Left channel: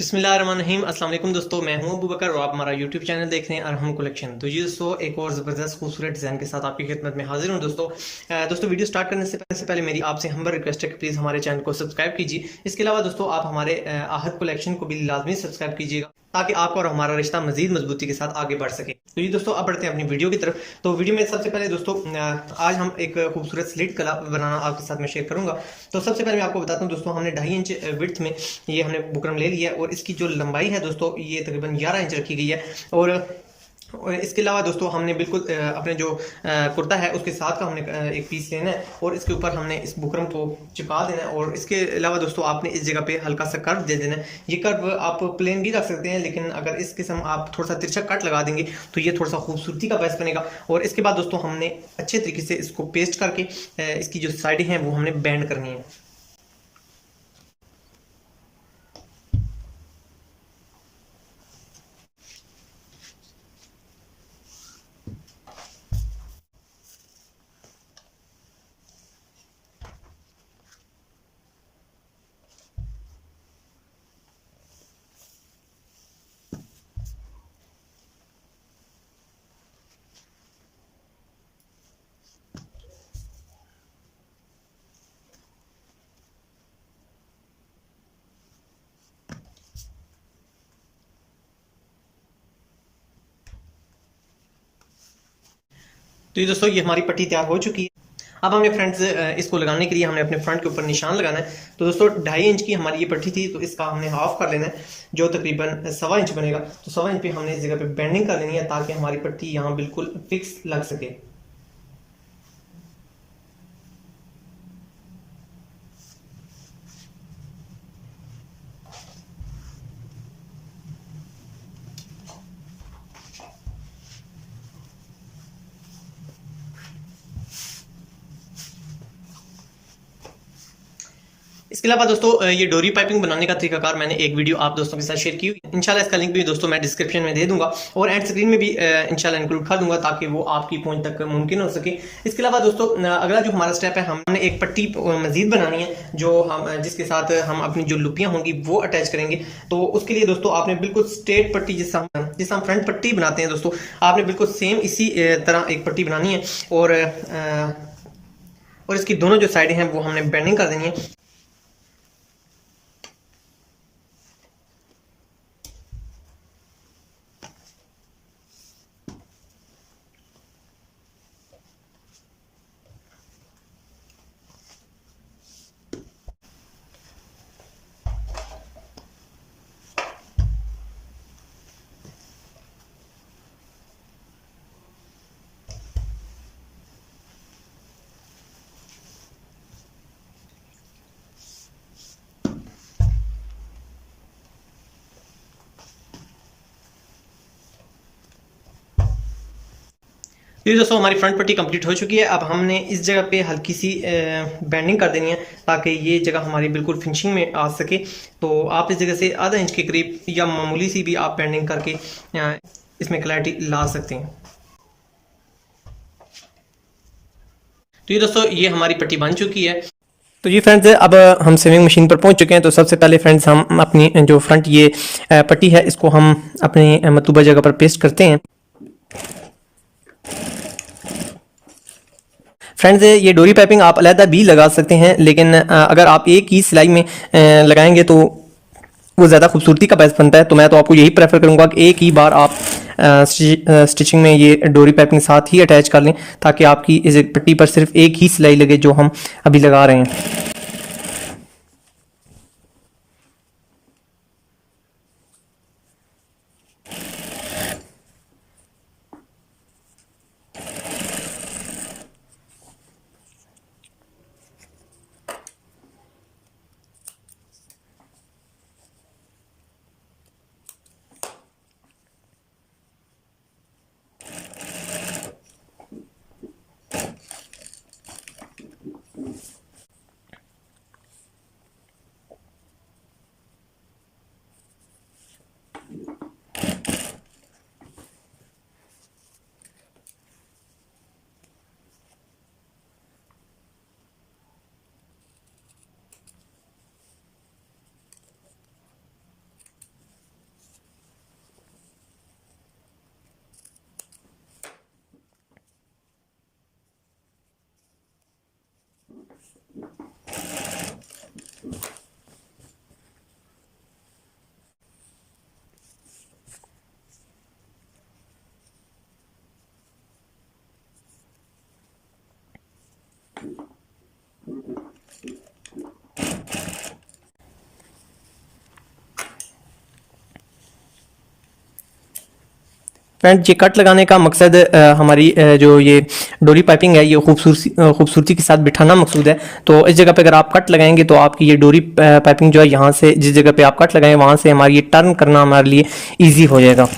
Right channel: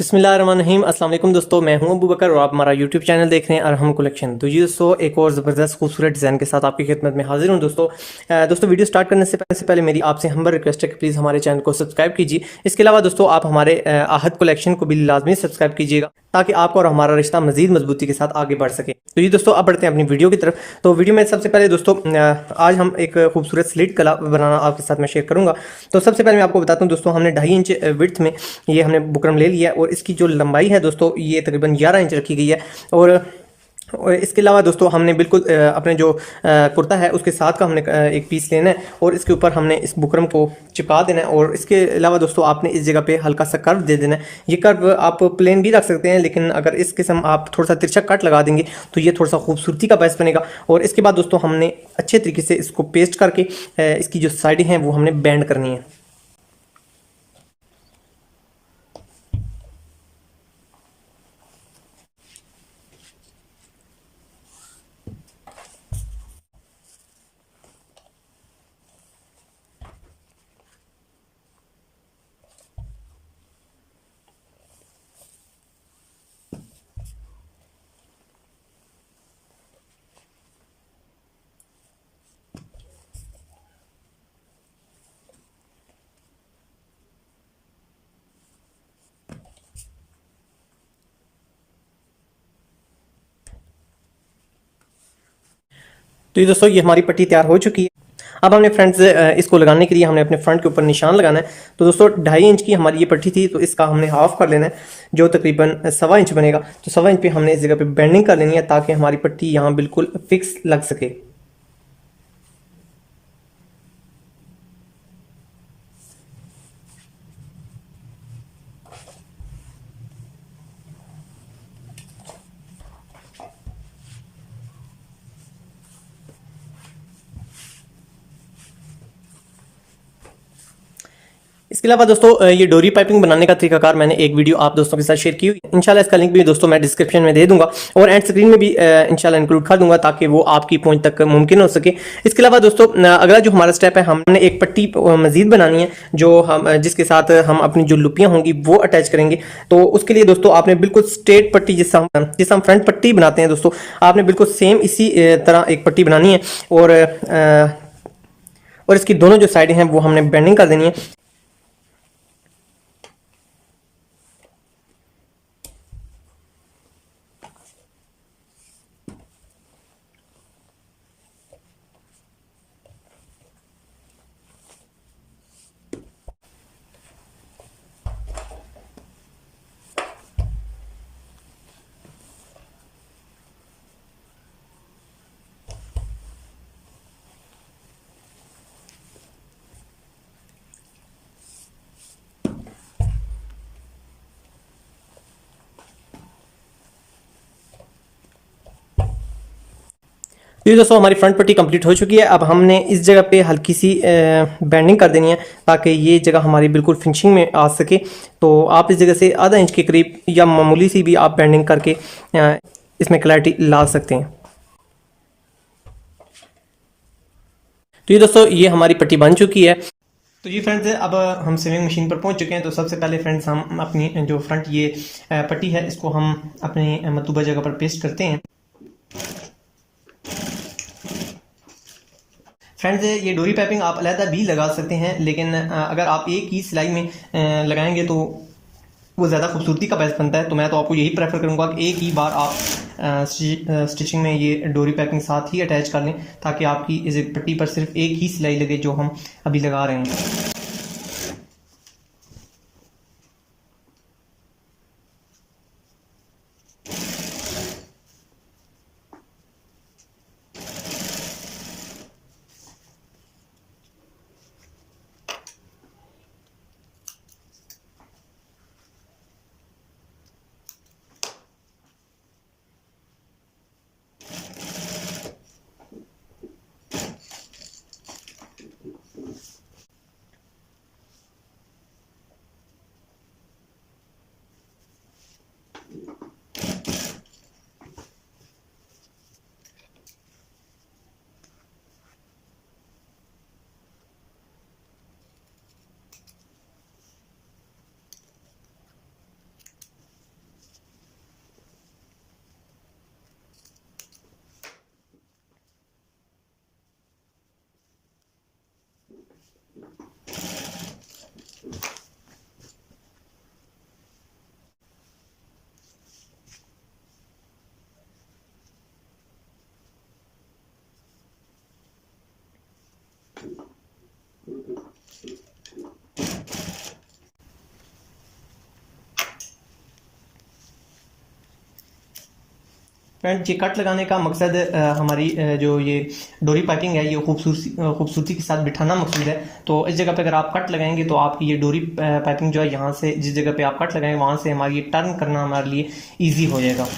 बिस्मिल्लाहिर्रहमानिर्रहीम। अस्सलाम वालेकुम दोस्तों, मैं हूं अबू बकर और आप हमारा यूट्यूब चैनल देख रहे हैं अरहम कलेक्शन। तो जी दोस्तों, एक और ज़बरदस्त खूबसूरत डिज़ाइन के साथ आपकी खिदमत में हाजिर हूं। दोस्तों वीडियो स्टार्ट करने से पहले मेरी आपसे हम्बल रिक्वेस्ट है कि प्लीज़ हमारे चैनल को सब्सक्राइब कीजिए। इसके अलावा दोस्तों आप हमारे आहद कलेक्शन को भी लाजमी सब्सक्राइब कीजिएगा ताकि आपका और हमारा रिश्ता मजीद मजबूती के साथ आगे बढ़ सके। तो ये दोस्तों अब बढ़ते हैं अपनी वीडियो की तरफ। तो वीडियो में सबसे पहले दोस्तों आज हम एक खूबसूरत स्लिट कला बनाना आपके साथ मैं शेयर करूंगा। तो सबसे पहले मैं आपको बताता हूँ दोस्तों, हमने 2.5 इंच विड्थ में ये हमने बुकरम ले लिया है और इसकी जो लंबाई है दोस्तों ये तकरीबन 11 इंच रखी गई है। और इसके अलावा दोस्तों हमने बिल्कुल अपने जो कुर्ता है उसके साथ का हमने एक पीस लेना है और इसके ऊपर हमने इस बुकरम को चिपका देना है। और इसके अलावा दोस्तों आपने इस जगह पे हल्का सा कर्व दे देना है। ये कर्व आप प्लेन भी रख सकते हैं, लेकिन अगर इस किस्म आप थोड़ा सा तिरछा कट लगा देंगे तो ये थोड़ा सा खूबसूरती का बायस बनेगा। और इसके बाद दोस्तों हमने अच्छे तरीके से इसको पेस्ट करके इसकी जो साइडें हैं वो हमने बैंड करनी है। तो ये दोस्तों ये हमारी पट्टी तैयार हो चुकी है। अब हमने फ्रेंड्स इसको लगाने के लिए हमने अपने फ्रंट के ऊपर निशान लगाना है। तो दोस्तों 2.5 इंच की हमारी ये पट्टी थी, तो इसका हमने हाफ कर लेना है जो तकरीबन 1.25 इंच बनेगा। तो 1.25 इंच पे हमने इस जगह पे बेंडिंग कर लेनी है ताकि हमारी पट्टी यहाँ बिल्कुल फिक्स लग सके। इसके अलावा दोस्तों ये डोरी पाइपिंग बनाने का तरीकाकार मैंने एक वीडियो आप दोस्तों के साथ शेयर की हुई है। इंशाल्लाह इसका लिंक भी दोस्तों मैं डिस्क्रिप्शन में दे दूंगा और एंड स्क्रीन में भी इंशाल्लाह इंक्लूड कर दूंगा ताकि वो आपकी पहुंच तक मुमकिन हो सके। इसके अलावा दोस्तों अगला जो हमारा स्टेप है, हमने एक पट्टी मजीद बनानी है जो हम जिसके साथ हम अपनी जो लुपियां होंगी वो अटैच करेंगे। तो उसके लिए दोस्तों आपने बिल्कुल स्ट्रेट पट्टी जिस हम फ्रंट पट्टी बनाते हैं दोस्तों, आपने बिल्कुल सेम इसी तरह एक पट्टी बनानी है। और इसकी दोनों जो साइड हैं वो हमने बेंडिंग कर देनी है। ये दोस्तों हमारी फ्रंट पट्टी कंप्लीट हो चुकी है। अब हमने इस जगह पे हल्की सी बैंडिंग कर देनी है ताकि ये जगह हमारी बिल्कुल फिनिशिंग में आ सके। तो आप इस जगह से आधा इंच के करीब या मामूली सी भी आप बैंडिंग करके इसमें क्लैरिटी ला सकते हैं। तो ये दोस्तों ये हमारी पट्टी बन चुकी है। तो ये फ्रेंड्स अब हम सेविंग मशीन पर पहुंच चुके हैं। तो सबसे पहले फ्रेंड्स हम अपनी जो फ्रंट ये पट्टी है इसको हम अपनी मतलूबा जगह पर पेस्ट करते हैं। फ्रेंड्स ये डोरी पाइपिंग आप अलहदा भी लगा सकते हैं, लेकिन अगर आप एक ही सिलाई में लगाएंगे तो वो ज़्यादा खूबसूरती का बायस बनता है। तो मैं तो आपको यही प्रेफर करूंगा कि एक ही बार आप स्टिचिंग में ये डोरी पाइपिंग साथ ही अटैच कर लें ताकि आपकी इस पट्टी पर सिर्फ एक ही सिलाई लगे जो हम अभी लगा रहे हैं। फ्रेंड्स, ये कट लगाने का मकसद हमारी जो ये डोरी पाइपिंग है ये खूबसूरती के साथ बिठाना मकसूद है। तो इस जगह पे अगर आप कट लगाएंगे तो आपकी ये डोरी पाइपिंग जो है यहाँ से जिस जगह पे आप कट लगाएंगे वहाँ से हमारी ये टर्न करना हमारे लिए ईजी हो जाएगा।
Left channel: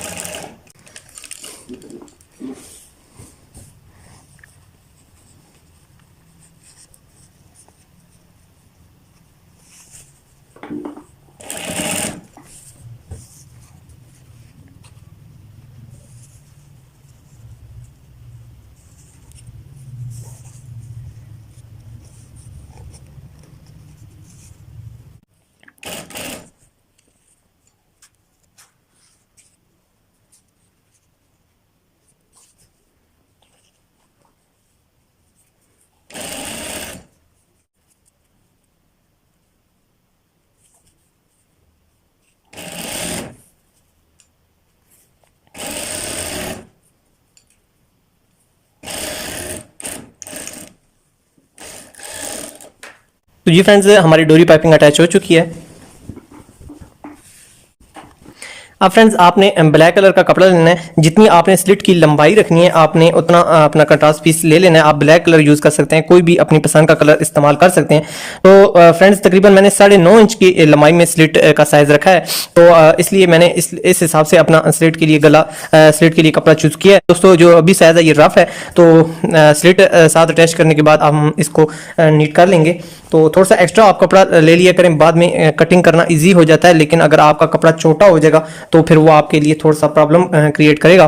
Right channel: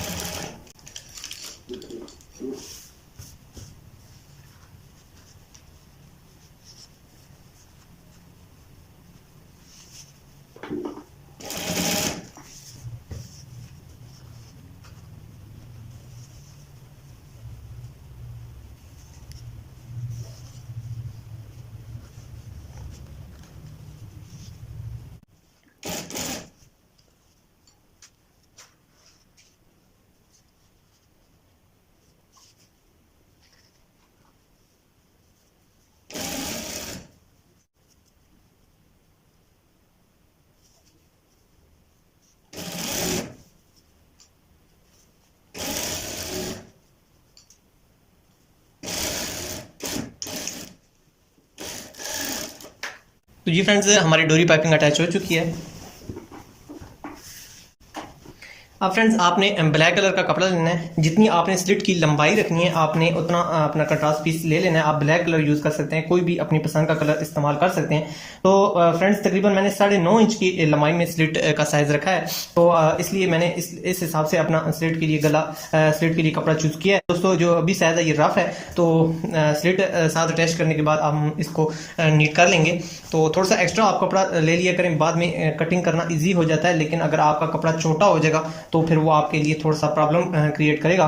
तो जी फ्रेंड्स, हमारी डोरी पाइपिंग अटैच हो चुकी है। अब फ्रेंड्स, आपने ब्लैक कलर का कपड़ा लेना है। जितनी आपने स्लिट की लंबाई रखनी है आपने उतना अपना कंट्रास्ट पीस ले लेना है। आप ब्लैक कलर यूज़ कर सकते हैं, कोई भी अपनी पसंद का कलर इस्तेमाल कर सकते हैं। तो फ्रेंड्स, तकरीबन मैंने 9.5 इंच की लंबाई में स्लिट का साइज़ रखा है। तो इसलिए मैंने इस हिसाब से अपना स्लिट के लिए स्लिट के लिए कपड़ा चूज़ किया है। दोस्तों, जो अभी साइज़ है ये रफ है, तो स्लिट साथ अटैच करने के बाद हम इसको नीट कर लेंगे। तो थोड़ा सा एक्स्ट्रा आप कपड़ा ले लिया करें, बाद में कटिंग करना ईजी हो जाता है। लेकिन अगर आपका कपड़ा छोटा हो जाएगा तो फिर वो आपके लिए थोड़ा सा प्रॉब्लम क्रिएट करेगा।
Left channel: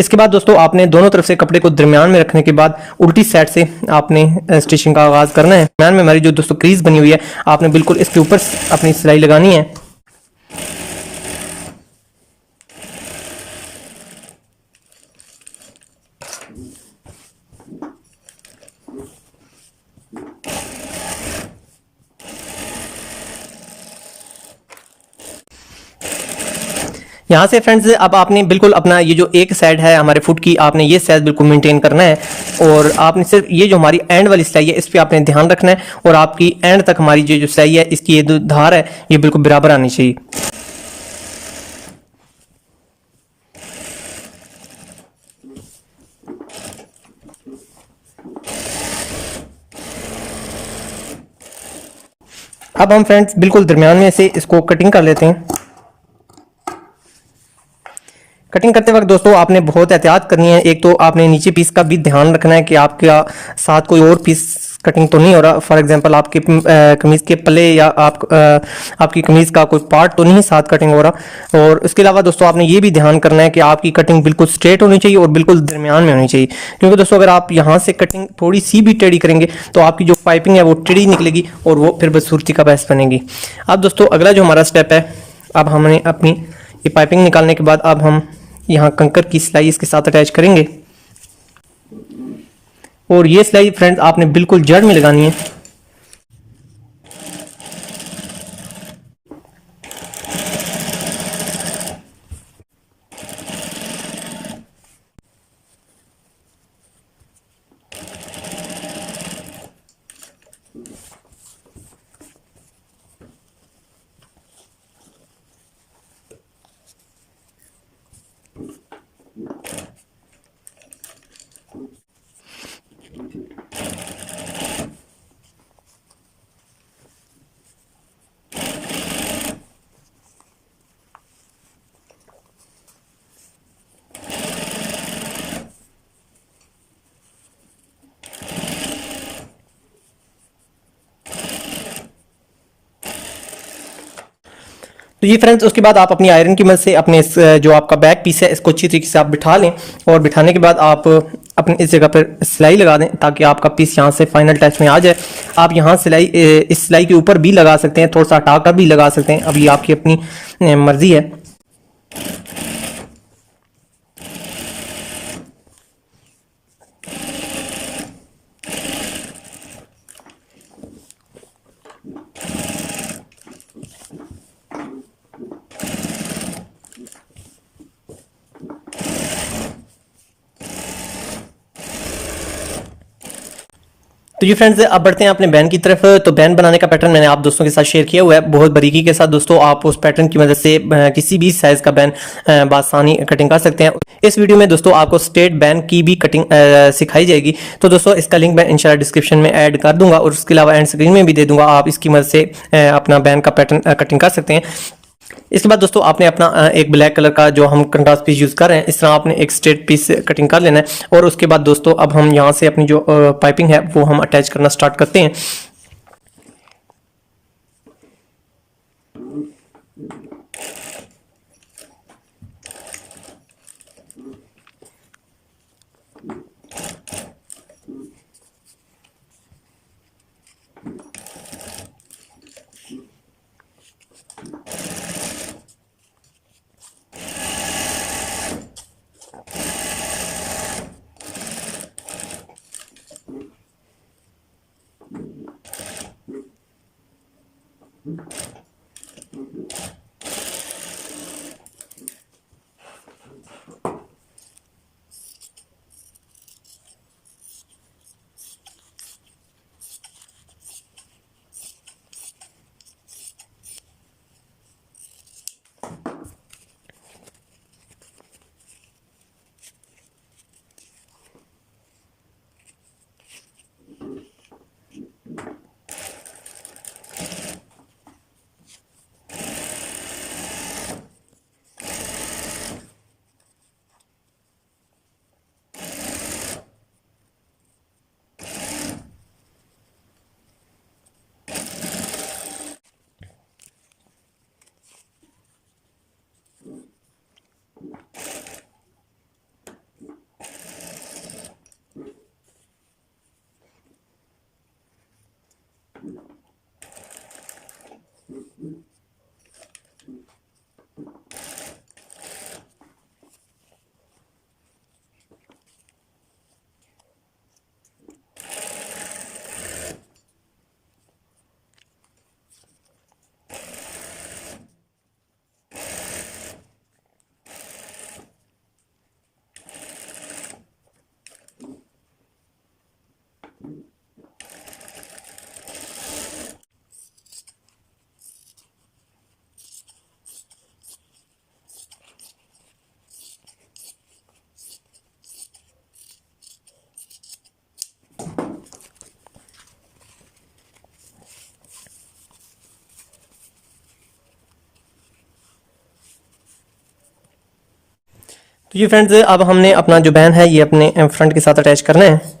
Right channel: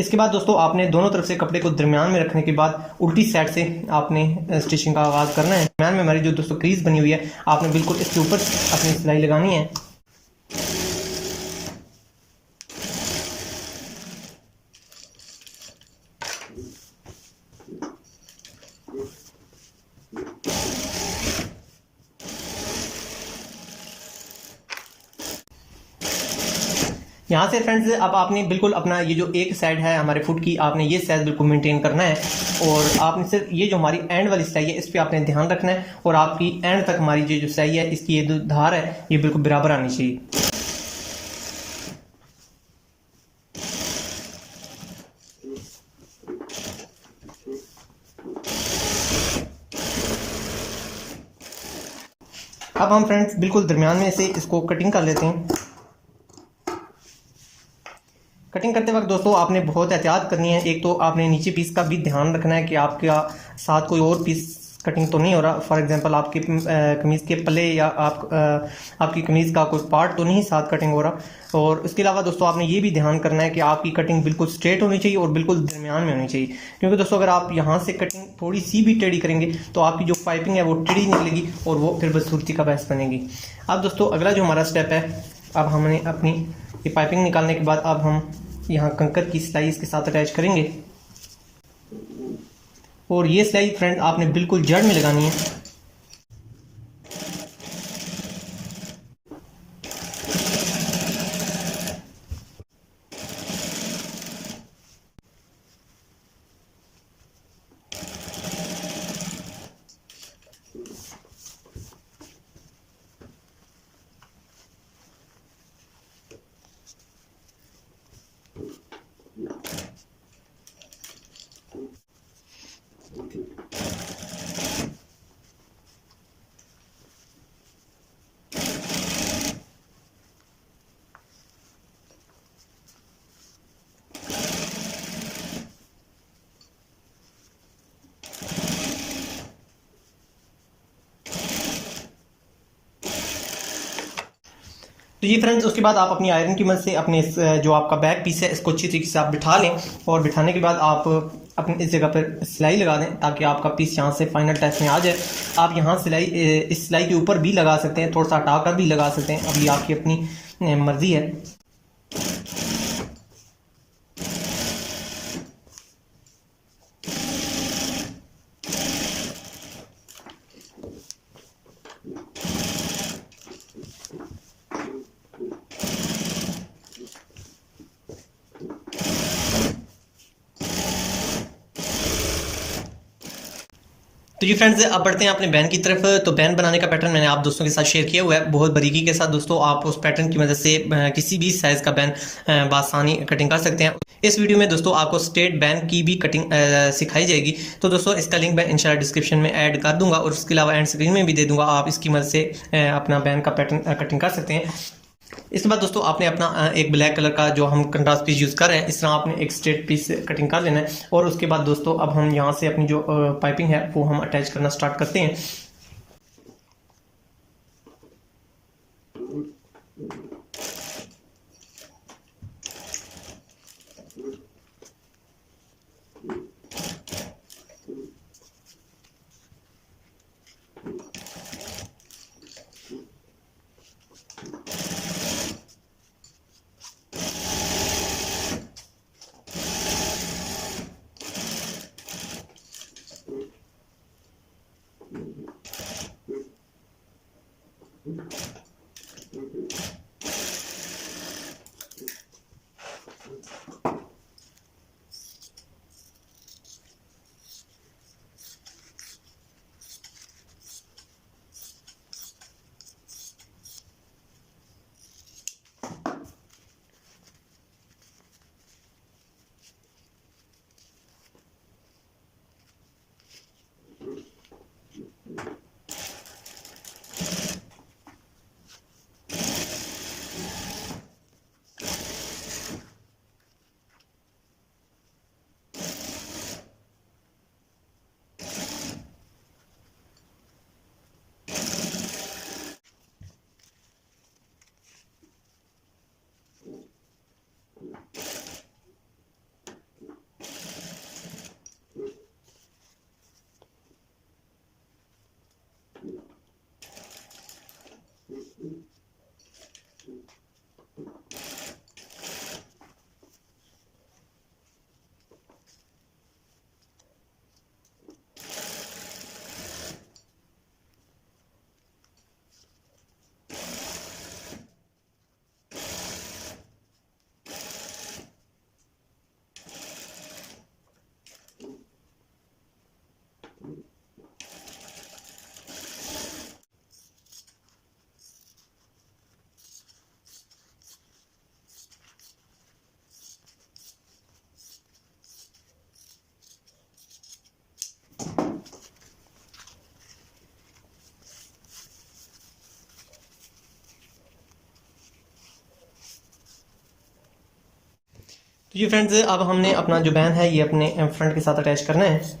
इसके बाद दोस्तों, आपने दोनों तरफ से कपड़े को दरमियान में रखने के बाद उल्टी साइड से आपने स्टिचिंग का आगाज करना है। दरमियान में हमारी जो दोस्तों क्रीज बनी हुई है, आपने बिल्कुल इसके ऊपर अपनी सिलाई लगानी है। यहाँ से फ्रेंड्स, अब आपने बिल्कुल अपना ये जो एक साइड है हमारे फुट की, आपने ये साइज बिल्कुल मेंटेन करना है। और आपने सिर्फ ये जो हमारी एंड वाली सिलाई है इस पे आपने ध्यान रखना है। और आपकी एंड तक हमारी जो सिलाई है इसकी ये जो धार है ये बिल्कुल बराबर आनी चाहिए। अब हम फ्रेंड्स बिल्कुल दरमियान में से इसको कटिंग कर लेते हैं। कटिंग करते वक्त दोस्तों आपने बहुत एहतियात करनी है। एक तो आपने नीचे पीस का भी ध्यान रखना है कि आपका साथ कोई और पीस कटिंग तो नहीं हो रहा। फॉर एग्जांपल, आपके कमीज़ के पल्ले या आपकी कमीज़ का कोई पार्ट तो नहीं साथ कटिंग हो रहा। और उसके अलावा दोस्तों आपने ये भी ध्यान करना है कि आपकी कटिंग बिल्कुल स्ट्रेट होनी चाहिए और बिल्कुल दरमियान में होनी चाहिए। क्योंकि दोस्तों अगर आप यहाँ से कटिंग थोड़ी सी भी टेढ़ी करेंगे तो आपकी जो पाइपिंग है वो टेढ़ी निकलेगी और वो फिर बदसूरती का बायस बनेगी। अब दोस्तों अगला जो हमारा स्टेप है, अब हमने अपनी ये पाइपिंग निकालने के बाद अब हम यहाँ कंकर की सिलाई इसके साथ अटैच करेंगे। और ये सिलाई फ्रेंड्स आपने बिल्कुल जड़ में लगानी है। तो ये फ्रेंड्स, उसके बाद आप अपनी आयरन की मदद से अपने जो आपका बैक पीस है इसको अच्छी तरीके से आप बिठा लें। और बिठाने के बाद आप अपने इस जगह पर सिलाई लगा दें ताकि आपका पीस यहाँ से फाइनल टच में आ जाए। आप यहाँ सिलाई इस सिलाई के ऊपर भी लगा सकते हैं, थोड़ा सा हटा कर भी लगा सकते हैं, अभी आपकी अपनी मर्जी है। तो ये फ्रेंड्स अब बढ़ते हैं अपने बैन की तरफ। तो बैन बनाने का पैटर्न मैंने आप दोस्तों के साथ शेयर किया हुआ है बहुत बारीकी के साथ। दोस्तों आप उस पैटर्न की मदद से किसी भी साइज का बैन बासानी कटिंग कर सकते हैं। इस वीडियो में दोस्तों आपको स्ट्रेट बैन की भी कटिंग सिखाई जाएगी। तो दोस्तों इसका लिंक मैं इंशाल्लाह डिस्क्रिप्शन में ऐड कर दूंगा और उसके अलावा एंड स्क्रीन में भी दे दूंगा। आप इसकी मदद से अपना बैन का पैटर्न कटिंग कर सकते हैं। इसके बाद दोस्तों आपने अपना एक ब्लैक कलर का जो हम कंट्रास्ट पीस यूज कर रहे हैं, इस तरह आपने एक स्ट्रेट पीस कटिंग कर लेना है। और उसके बाद दोस्तों अब हम यहाँ से अपनी जो पाइपिंग है वो हम अटैच करना स्टार्ट करते हैं। तो ये फ्रेंड्स अब हमने अपना जो बैन है ये अपने फ्रंट के साथ अटैच करना है।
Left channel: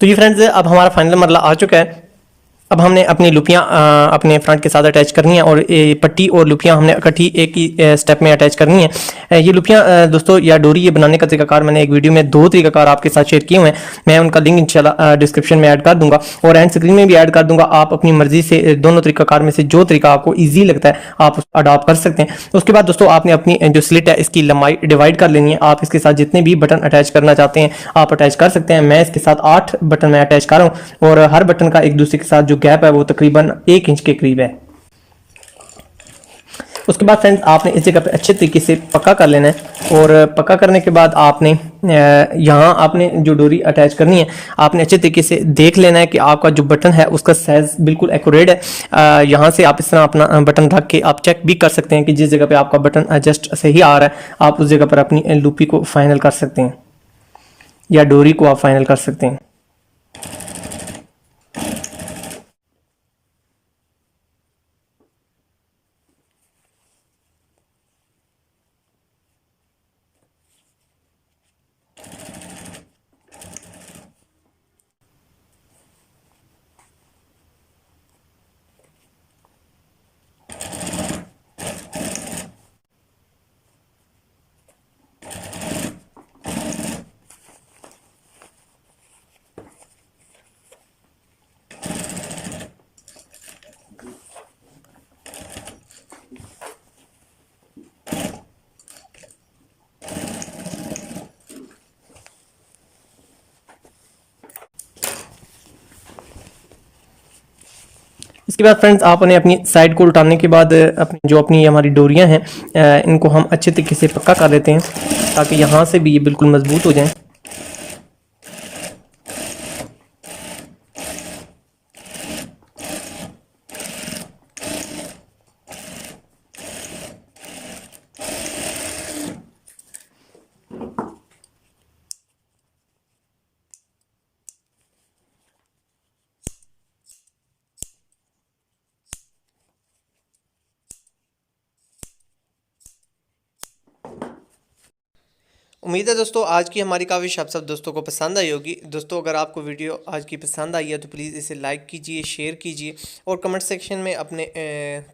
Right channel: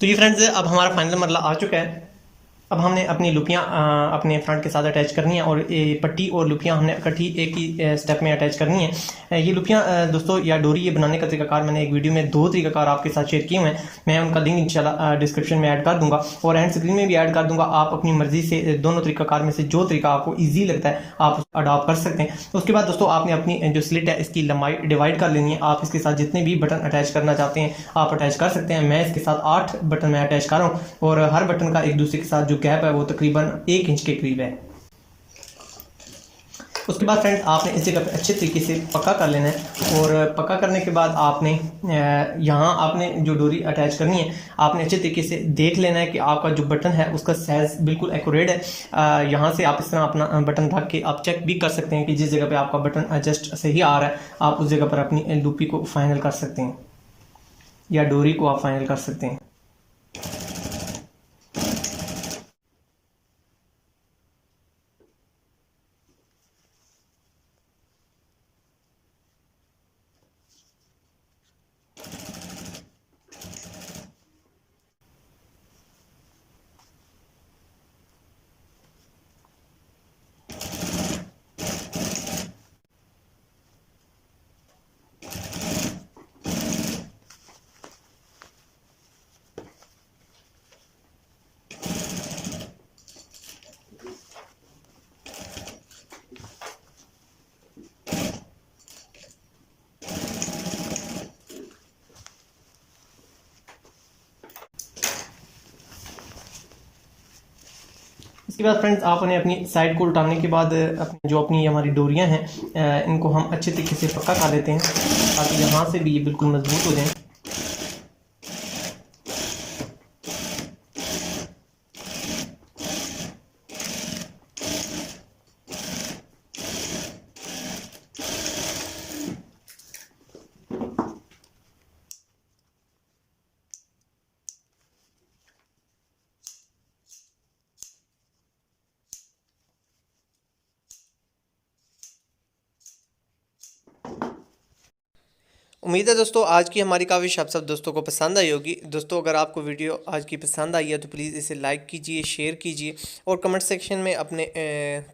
तो ये फ्रेंड्स अब हमारा फाइनल मरला आ चुका है। अब हमने अपनी लुपियाँ अपने फ्रंट के साथ अटैच करनी है और ये पट्टी और लुपियाँ हमने इकट्ठी एक ही स्टेप में अटैच करनी है। ये लुपियाँ दोस्तों या डोरी ये बनाने का तरीकाकार मैंने एक वीडियो में 2 तरीकाकार आपके साथ शेयर किए हुए हैं। मैं उनका लिंक इंशाल्लाह डिस्क्रिप्शन में ऐड कर दूंगा और एंड स्क्रीन में भी ऐड कर दूंगा। आप अपनी मर्जी से दोनों तरीकाकार में से जो तरीका आपको ईजी लगता है आप अडॉप्ट कर सकते हैं। उसके बाद दोस्तों आपने अपनी जो स्लिट है इसकी लंबाई डिवाइड कर लेनी है। आप इसके साथ जितने भी बटन अटैच करना चाहते हैं आप अटैच कर सकते हैं। मैं इसके साथ 8 बटन मैं अटैच कर रहा हूँ और हर बटन का एक दूसरे के साथ जो गैप है वो तकरीबन 1 इंच के करीब है। उसके बाद फ्रेंड्स आपने इस जगह पे अच्छे तरीके से पक्का कर लेना है और पक्का करने के बाद आपने यहाँ आपने जो डोरी अटैच करनी है आपने अच्छे तरीके से देख लेना है कि आपका जो बटन है उसका साइज बिल्कुल एक्यूरेट है। यहाँ से आप इस तरह अपना बटन रख के आप चेक भी कर सकते हैं कि जिस जगह पे आपका बटन एडजस्ट सही आ रहा है आप उस जगह पर अपनी लूपी को फाइनल कर सकते हैं या डोरी को आप फाइनल कर सकते हैं। इसके बाद फ्रेंड्स आपने अपनी साइड को उठाने के बाद अपनी हमारी डोरियां हैं इनको हम अच्छे तरीके से पक्का कर लेते हैं ताकि यहाँ से भी ये बिल्कुल मजबूत हो जाएं। उम्मीद है दोस्तों आज की हमारी काविश आप सब दोस्तों को पसंद आई होगी। दोस्तों अगर आपको वीडियो आज की पसंद आई है तो प्लीज़ इसे लाइक कीजिए, शेयर कीजिए और कमेंट सेक्शन में अपने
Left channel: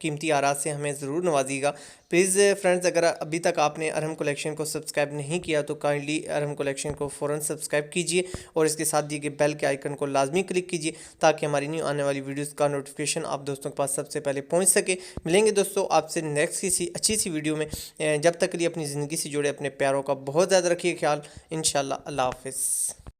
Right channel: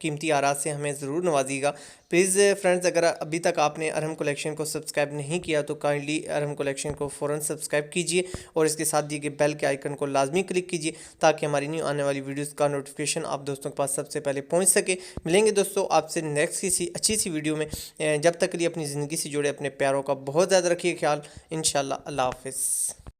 कीमती आरात से हमें ज़रूर नवाजिएगा। प्लीज़ फ्रेंड्स अगर अभी तक आपने अरहम कलेक्शन को सब्सक्राइब नहीं किया तो काइंडली अरहम कलेक्शन को फ़ौरन सब्सक्राइब कीजिए और इसके साथ दिए गए बेल के आइकन को लाजमी क्लिक कीजिए ताकि हमारी न्यू आने वाली वीडियोस का नोटिफिकेशन आप दोस्तों के पास सबसे पहले पहुंच सके। मिलेंगे दोस्तों आपसे नेक्स्ट किसी अच्छी सी वीडियो में। जब तक के लिए अपनी ज़िंदगी से जुड़े अपने प्यारों का बहुत ज़्यादा रखिए ख्याल। इंशाल्लाह अल्लाह हाफ़िज़।